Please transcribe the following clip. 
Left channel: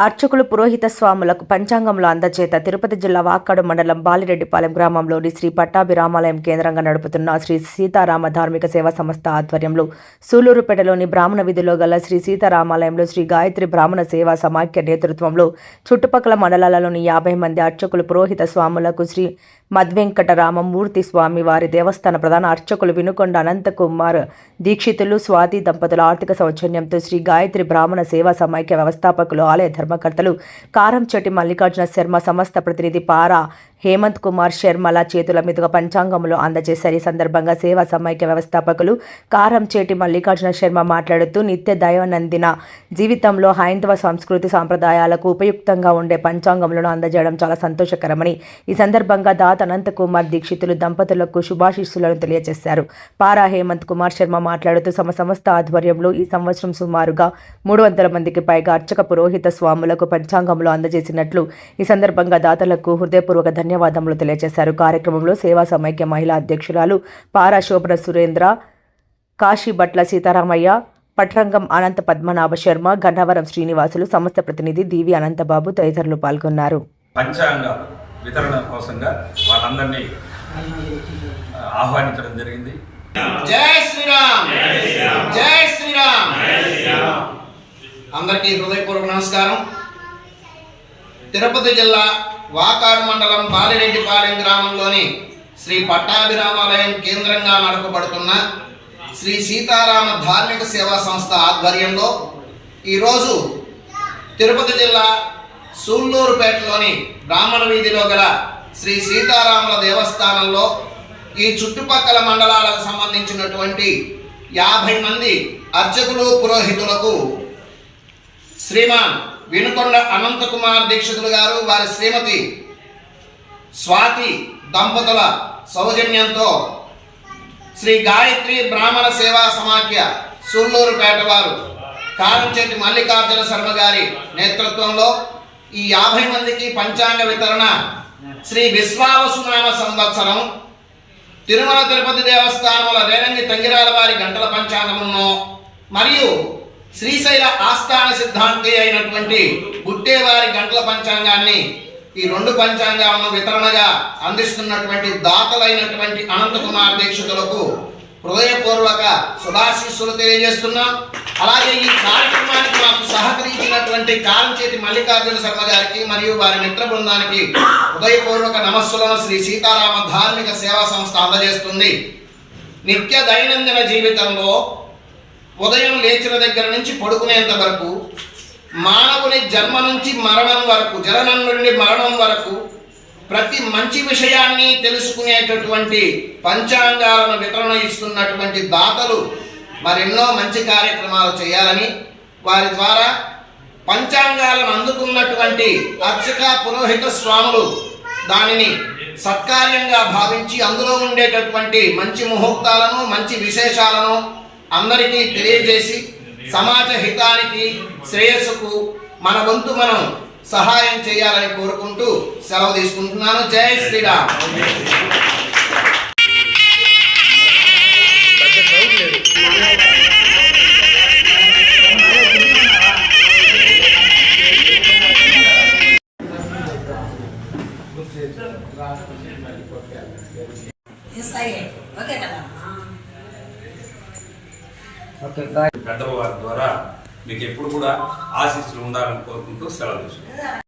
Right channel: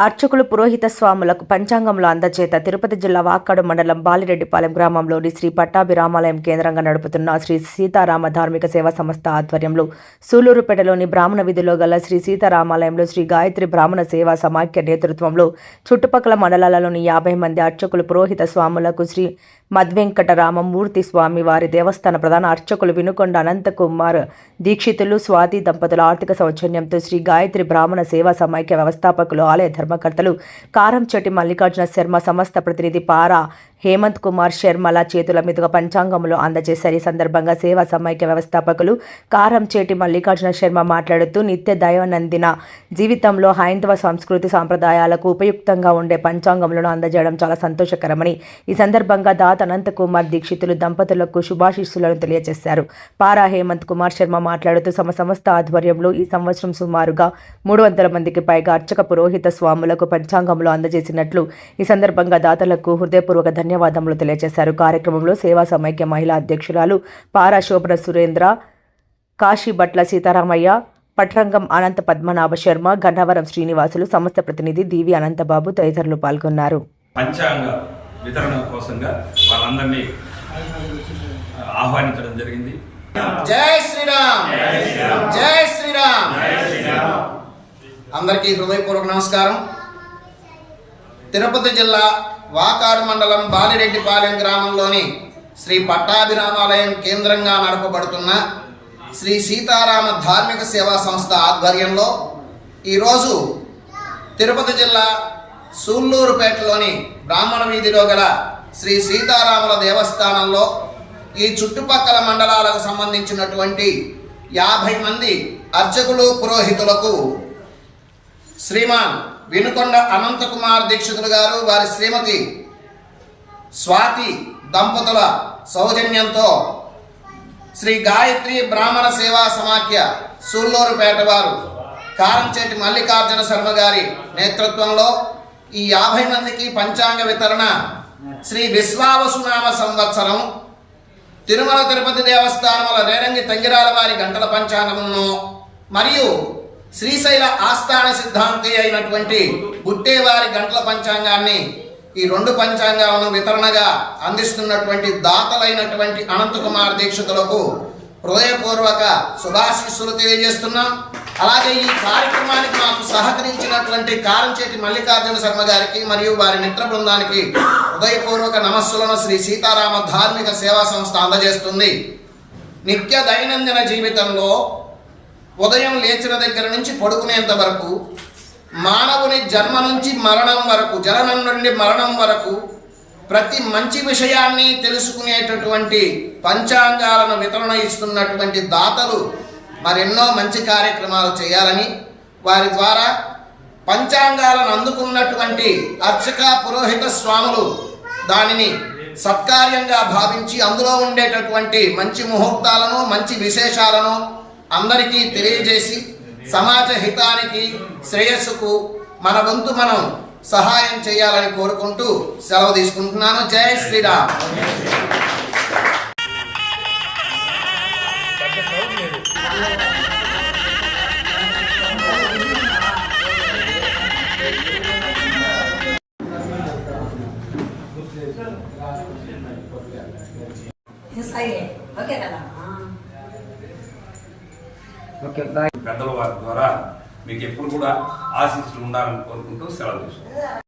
అర్చకులు పురోహిత స్వాములకు పంచాంగంలో అందచేత తిరుపతి జిల్లా వాక్కాడు మండలం బాలిరెడ్డిపాలెం గ్రామంలోని శ్రీ పట్టాభిరామాలయం కేంద్రంగా నడుపుతున్న శ్రీ సీతారామ ధార్మిక సేవా సంస్థ ఆధ్వర్యంలో సూలూరుపేటలోని బ్రాహ్మణ విధిలో గల శ్రీ సీతారామాలయంలో శ్రీ గాయత్రి బ్రాహ్మణ సేవా సమాఖ్య నేతృత్వంలో చుట్టుపక్కల మండలాలలోని యాభై మంది అర్చకులు పురోహిత స్వాములకు శ్రీ మద్వెంకటరామమూర్తి స్వామి వారి దేవస్థాన ప్రధాన అర్చకులు వినుకొండ అనంతకుమార్ దీక్షితులు స్వాతి దంపతుల ఆర్థిక సౌజన్యంతో శ్రీ గాయత్రి బ్రాహ్మణ సేవా సమైక్య వ్యవస్థాపకులు ఆలయ ధర్మకర్తలు కారంచెట్టి మల్లికార్జున శర్మ సంస్థ ప్రతినిధి పారా హేమంత్ కుమార్ శర్మల చేతుల మీదుగా పంచాంగంలో అందజేశారు. ఈ సందర్భంగా సేవా సమైక్య వ్యవస్థాపకులు కారం చేటి మల్లికార్జున శర్మ మాట్లాడుతూ నిత్య దైవనందిన జీవితంలో హైందవ సంస్కృతి సాంప్రదాయాలకు ఉపయుక్తంగా ఉండే పంచాంగంలో అందజేయడం చాలా సంతోషకరమని ఈ సందర్భంగా దాత అనంత కుమార్ దీక్షితులు దంపతులకు శుభాశీస్సులను తెలియజేశారు. పారా హేమంత్ కుమార్ శర్మ మాట్లాడుతూ తమ సంస్థ ఆధ్వర్యంలో ఈ సంవత్సరం సుమారుగా మూడు వందల మందికి పైగా అర్చక పురోహిత స్వాములకు పంచాంగంలో అందజేసినట్లు ఈ సందర్భంగా దాతలకు హృదయపూర్వక ధన్యవాదములు తెలియజేశారు. కార్యక్రమంలో సేవా సమైక్య మహిళా అధ్యక్షురాలు పారా శోభన సురేంద్ర కాశీభట్ల సీతారామయ్య పట్రంగం అనంత పద్మనాభ శర్మ గన్నవరం శ్రీనివాసులు సంస్థ ప్రతినిధి డివి అనంతబాబు తదితరులు పాల్గొన్నారు. పంచాంగ వితరణ కోసంగా వాళ్ళందరినీ ఆహ్వానించడం జరిగింది. జై శ్రీరామ్! జై శ్రీరామ్! అందరికీ హృదయపూర్వక నమస్కారం. తిరుపతి జిల్లా వాకాడు మండలం బాలిరెడ్డిపాలెం గ్రామంలోని శ్రీ పట్టాభిరామాలయం కేంద్రంగా నడపబడుతున్న శ్రీ సీతారామ ధార్మిక సేవా సంస్థ ఆధ్వర్యంలో ఈరోజు తిరుపతి జిల్లా సూళ్ళూరుపేటలోని బ్రాహ్మణ వీధిలో గల శ్రీ సీతారాముల దేవస్థానంలో ఈ చుట్టుపక్కల మండలాలకు సంబంధించినటువంటి యాభై మంది అర్చకులు పురోహితులకు శ్రీమాన్ వినుకొండ అనంతకుమార్ దీక్షితులు గారు వారి శ్రీమతి స్వాతి దంపతుల సౌజన్యంతో శ్రీ గాయత్రి బ్రాహ్మణ సేవా సమాఖ్య సూళ్ళూరుపేట వారు కారంచేటి మల్లికార్జున శర్మ గారి నేతృత్వంలో ఈ యాభై మందికి పంచాంగ వితరణ శ్రీ విశ్వావసునామ సంవత్సరం. తిరుమల తిరుపతి దేవస్థానముల రేరంగి తంగిరాల వారి గంటల పంచాంగమును మరియు శ్రీశైల ఆస్థాన సిద్ధాంతి అయినటువంటి బుట్టేవారి గంటల పంచాంగాన్ని ఈ రెండు పంచాంగాలను వితరణగా అందిస్తున్నటువంటి దాతలైనటువంటి అనంతకుమార్ దీక్షితులకు హృదయపూర్వక శుభాశీస్సులు తెలియజేస్తున్నాం. అలాగే ఈ కార్యక్రమానికి మాకు సహకరించినటువంటి కారంచేతి మల్లికార్జున శర్మ గారికి మరియు వారి మిత్ర బృందానికి హృదయపూర్వక నమస్సులను శ్రీ సీతారామ ధార్మిక సేవా సంస్థ అందజేస్తుంది. నిత్య దైనందిన జీవితంలో ఉదయం లేచిన దగ్గర నుంచి పడుకునేంత వరకు మానవుని జన్మ నుంచి మరణం వరకు జననం నుండి మరణం వరకు ప్రతి మంచి విషయాన్ని తెలుసుకునేటటువంటి పంచాంగాలను వితరణ ఇస్తున్నటువంటి దాతలు మరెన్నో మంచి కార్యక్రమాలు చేయాలని వారి ద్వారా పంచాంగాలను అందుకున్నటువంటి అర్చక పురోహిత స్వాములు దానిని సత్కార్యంగా భావించి అందులో ఉండేటటువంటి మంచి ముహూర్తాలను మంచి విశేషాలను అందరికీ తెలియజేసి సమాజ హితానికి శ్రేయస్సుకు మన వంతు మనం సహాయం చేయాలని కోరుకుంటూ సెలవు తీసుకుంటున్నాను. జై శ్రీరామ్. ఓకే కదా ఓకే కదా పెద్దల వారి ద్వారా మీకు ఎప్పుడు కూడా ఆశీస్సులు ఉండాలని కోరుకుంటూ సెలవు చూసుకుంటాం